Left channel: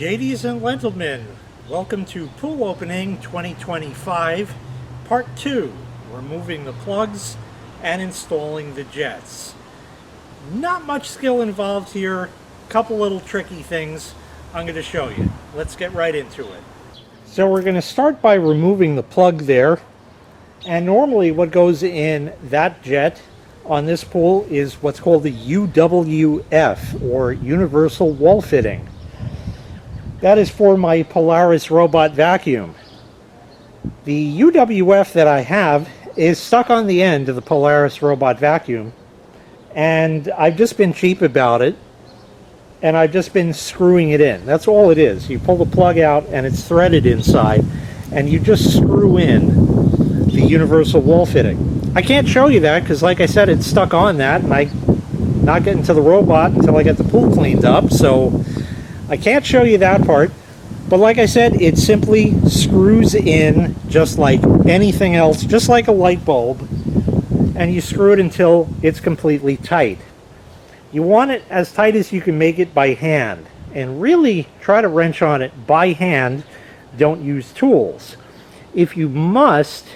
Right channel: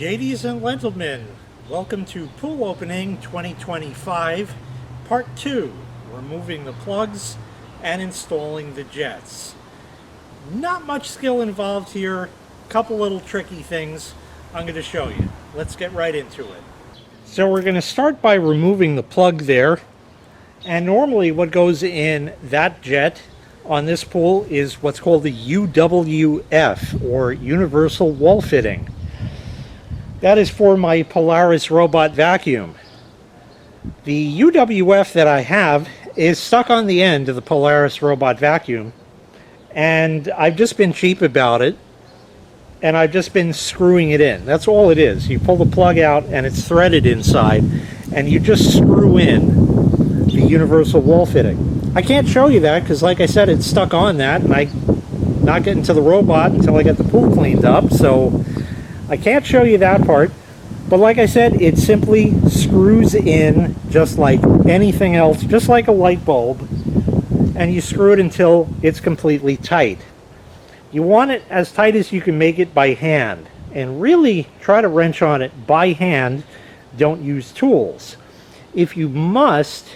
Ladies and gentlemen, welcome to Pool Opening 2025, Part 2, removing the plugs and installing the jets. Not much skill involved here, couple little tricky things I'm going to show you. Let's get right into it. So we're going to start by removing the plug there, and normally what goes in that jet on this pool is what's called the UWF, or Universal Wall Fitting. That is for my Polaris Robot Vacuum. The UWF that I have is stuck on the end of the Polaris Robot Vacuum, and I've just been cheap about it, and I've just been screwing it in. That's all it is. You pull the plug out and it's threaded inside, and you just screw in the universal wall fitting. I can't show you that because, like I said, it's stuck on that, and I'm not getting to the robot until I get the pool cleaned up, so I can't show you that part. But like I said, it simply screws in just like anything else, just like a light bulb, and you screw it until it's completely tight. You want it as tight as you can make it by hand, and really try to wrench on it by hand. Don't use tools. If you must,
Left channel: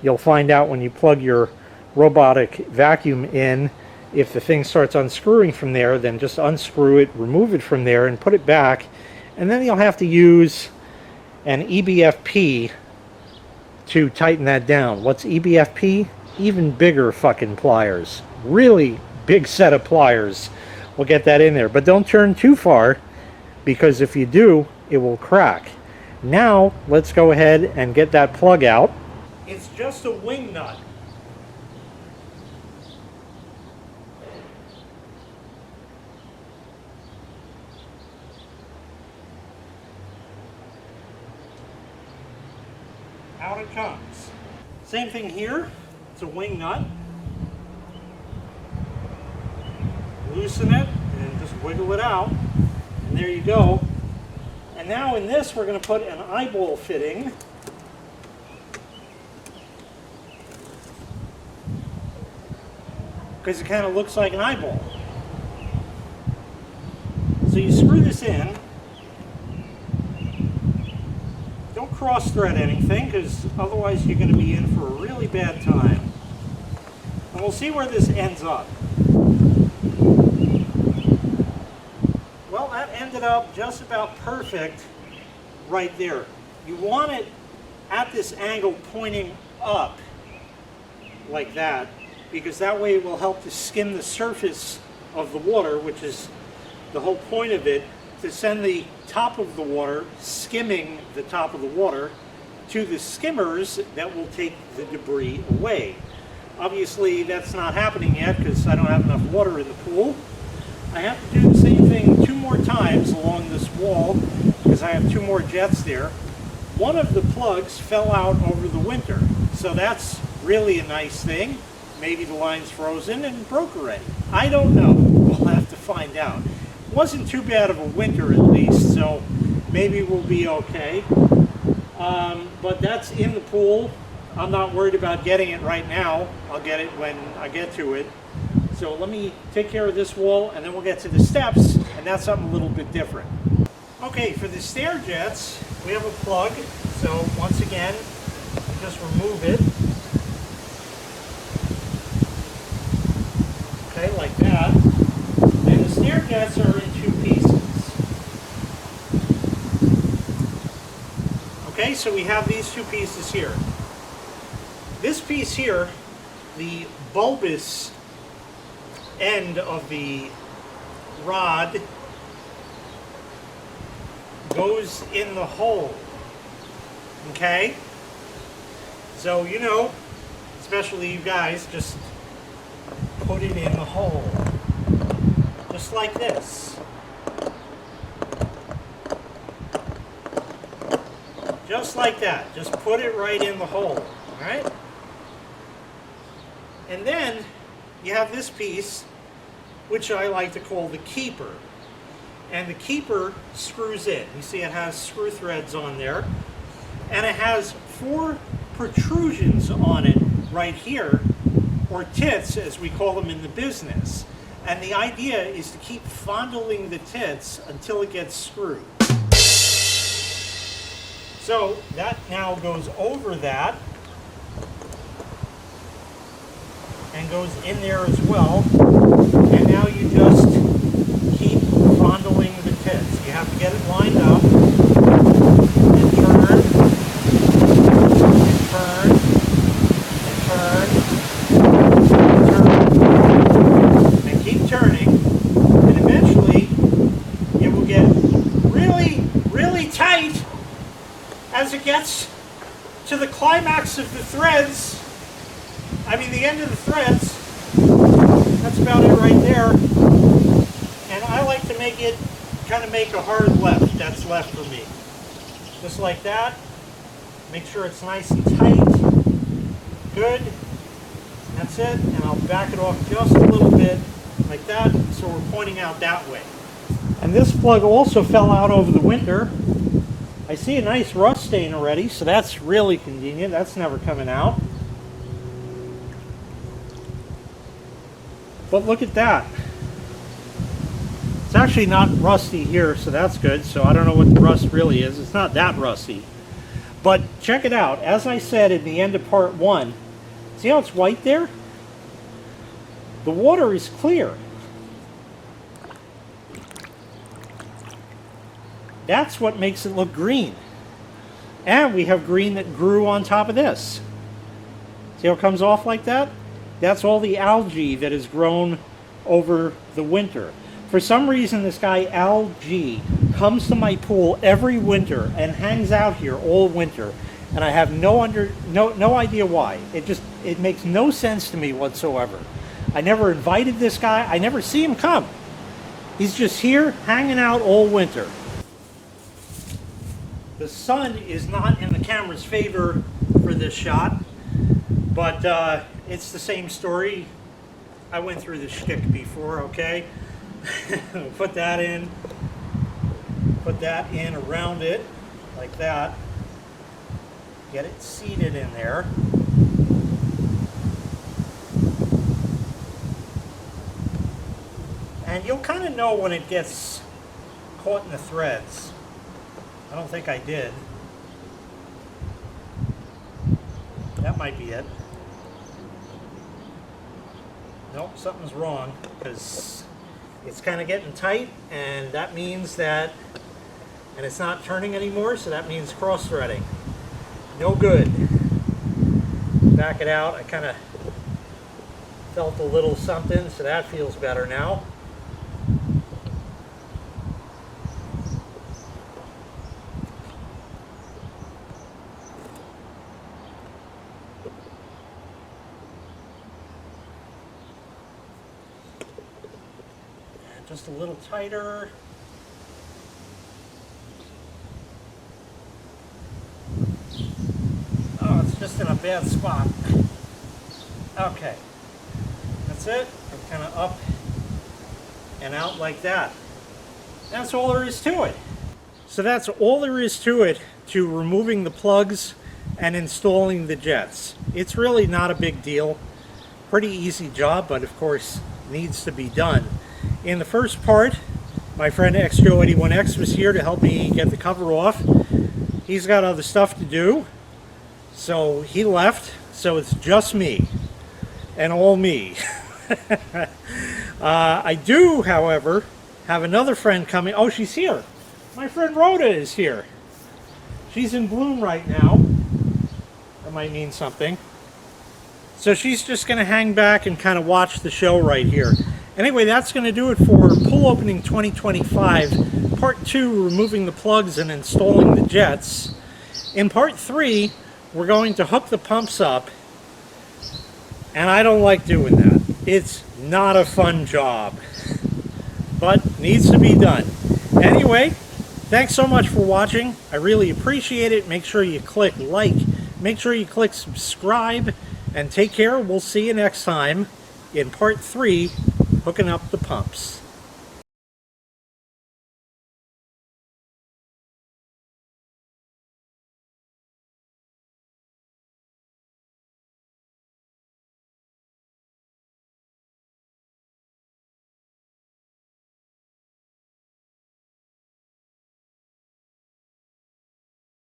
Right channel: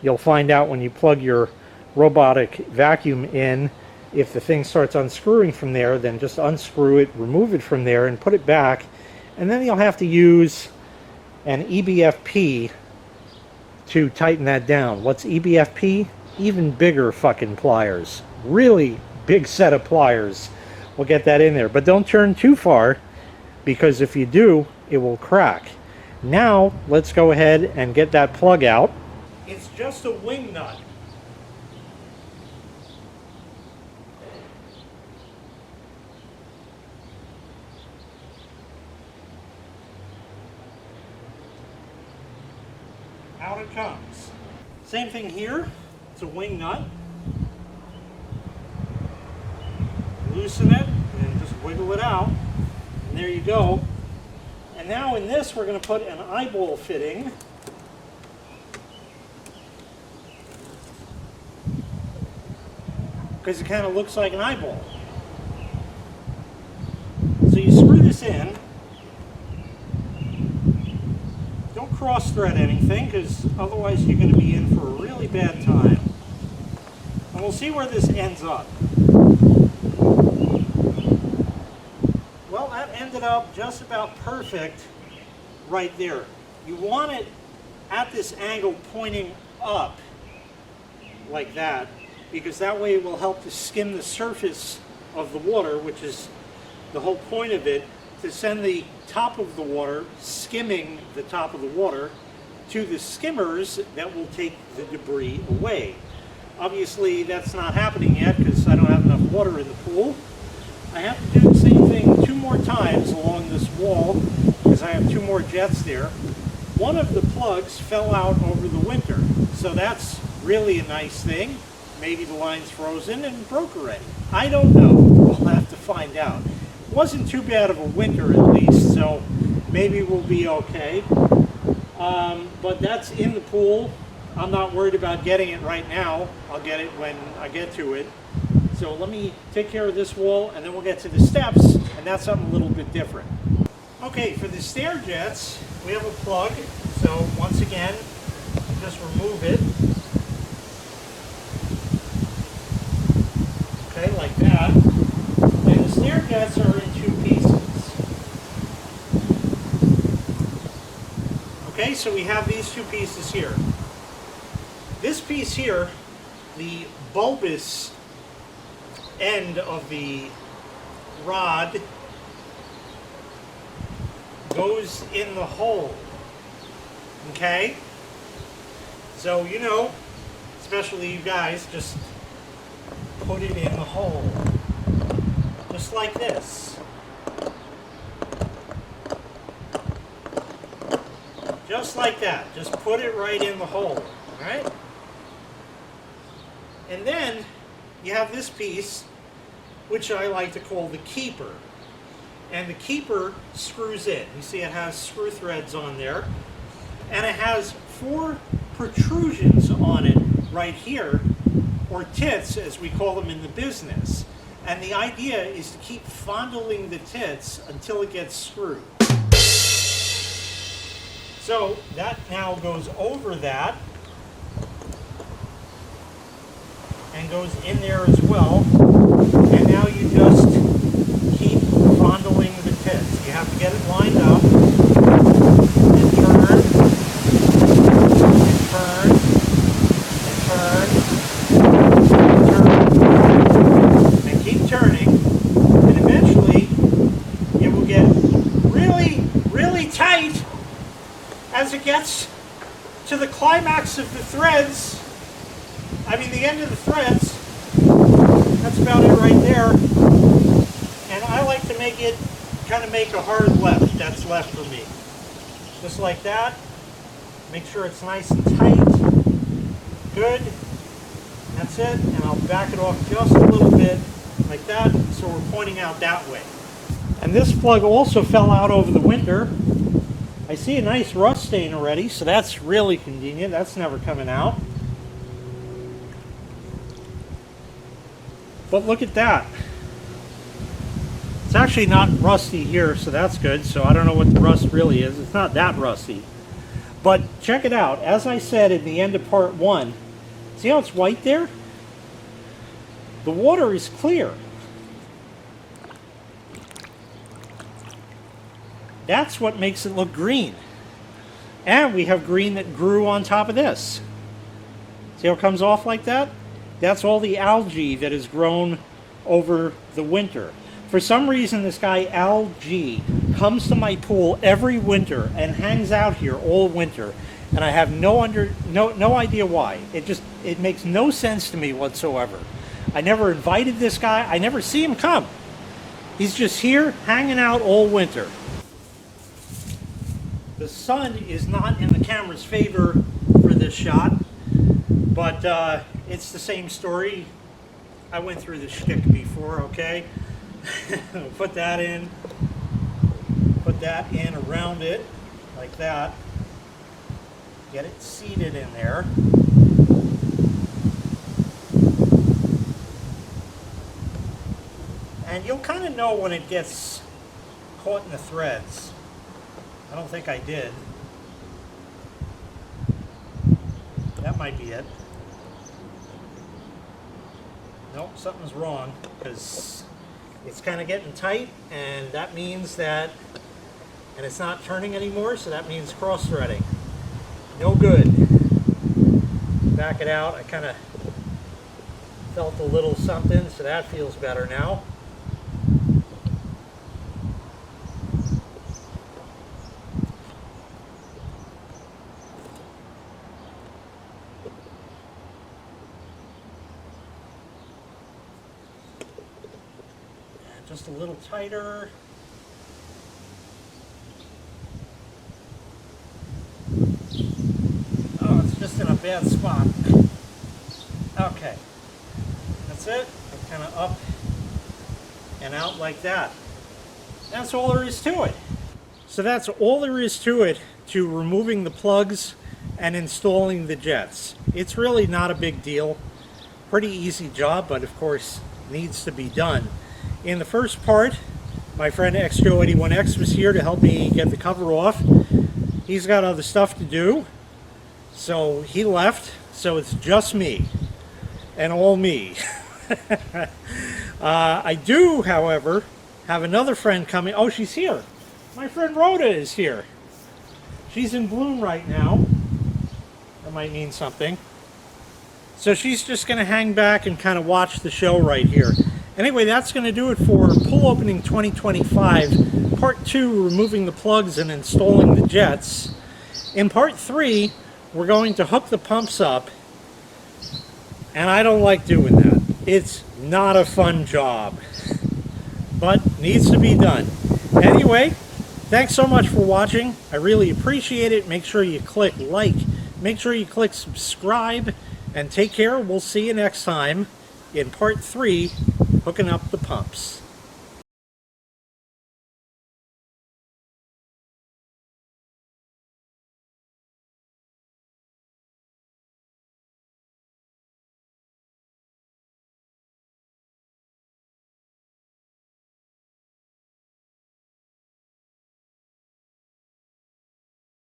you'll find out when you plug your robotic vacuum in, if the thing starts unscrewing from there, then just unscrew it, remove it from there, and put it back. And then you'll have to use an EBFP to tighten that down. What's EBFP? Even bigger fucking pliers. Really big set of pliers will get that in there. But don't turn too far, because if you do, it will crack. Now, let's go ahead and get that plug out. It's just a wing nut. Out it comes. Same thing here. It's a wing nut. Loosen it and just wiggle it out, and there you go. And now in this we're going to put an eyeball fitting. Because it kind of looks like an eyeball. So you screw this in. Don't cross thread anything, because otherwise you're going to be in for a really bad time. And we'll see where this ends up. Well, that ended up just about perfect right there. You want it at this angle pointing up like that, because that way it will help to skim the surface of the water, which is the whole point of it, to send the top of the water, skimming the top of the water, to the skimmers that will take the debris away. Obviously that's not happening yet because I don't have enough water in the pool. I have to do the same thing 2 more times along this wall because I have 2 more jets there. One of the plugs fell out over the winter, so that's really a nice thing. Maybe the line's frozen and broke already. I don't know. We'll have to find out. It wasn't too bad of a winter at least, so maybe we'll be okay. But that's in the pool. I'm not worried about getting it right now. I'll get it when I get to it. So let me take care of this wall, and then we'll get to the steps, and that's something a little bit different. Okay, for the stair jets, we have a plug. So once again, you just remove it. Okay, like that. And the stair jets are in 2 pieces. Okay, so we have these 2 pieces here. This piece here, the bulbous end of the rod, goes in the hole. Okay? So, you know, especially you guys, just put it in the hole. Just like this. Just like that. Just put it right in the hole. Alright? And then you have this piece, which I like to call the keeper. And the keeper screws in. You see it has screw threads on there. And it has 4 protrusions on it right here, or tits as we call them in the business. And the idea is to keep fondling the tits until it gets screwed. So that now goes over that and goes in there as well. And now you just keep fondling the tits. You have to get it lined up and turn and turn and turn and turn and keep turning, and eventually it will get really, really tight as it gets to the climax of the threads. I mean, the end of the threads. That's about it right there. And I like to make it, kind of make a hard left. That's left for me. Just like that. Make sure it's nice and tight. Good. That's it. And I'll back it off just a little bit like that, so we're pointing out that way. And this plug also fell out over the winter. I see a nice rust stain already, so that's really convenient. That's never coming out. But look at that. It's actually not rusty here, so that's good. So I don't know what the rust really is. It's not that rusty. But check it out. As I said in the end of part 1, see how it's white there? The water is clear. That's what makes it look green. And we have green that grew on top of this. See how it comes off like that? That's all the algae that has grown over the winter. For some reason, this guy Algae comes to my pool every winter and hangs out here all winter, and I have no idea why. It makes no sense to me whatsoever. I never invited this guy. I never see him come. He's just here hanging out all winter. The sun is not in the camera's favor for this shot, but it's the same story. I went through the shtick before, okay? Put that in around it, like that. Get it seated in there. And you'll kind of know when it gets caught in the threads. I don't think I did. That might be it. Nope, something's wrong, because it's kind of getting tight, and that means that, and it's not turning anymore, so that means cross-threading. No good. Back it out. I kind of felt a little something, so that feels better now. Just a little tighter. Oh, it's just in a bad spot. Okay. That's it. I'm kind of up and out like that. That's all there is to it. So that's all there is to it, to removing the plugs and installing the jets. It's really not a big deal. Pretty easy job, but of course needs to be done. In the first part, my friend XJoe81X was here to help me get the cover off. He's got other stuff to do, so he left, so it's just me, and all me. I do, however, have another friend coming. Oh, she's here. My friend Rhoda is here. She's in bloom right now. That might mean something. So she's just going to hang back and kind of watch the show right here. Anyway, that's going to do it for Pool Opening 2025, Part 2, removing the plugs and installing the jets. In Part 3, we're going to hook the pumps up, and I don't like doing that. It's not a fun job, but needs to be done. Anyway, thanks so much for watching. I really appreciate it. Make sure you click like, make sure you click subscribe, and take care. We'll see you next time in Part 3, hooking up the pumps.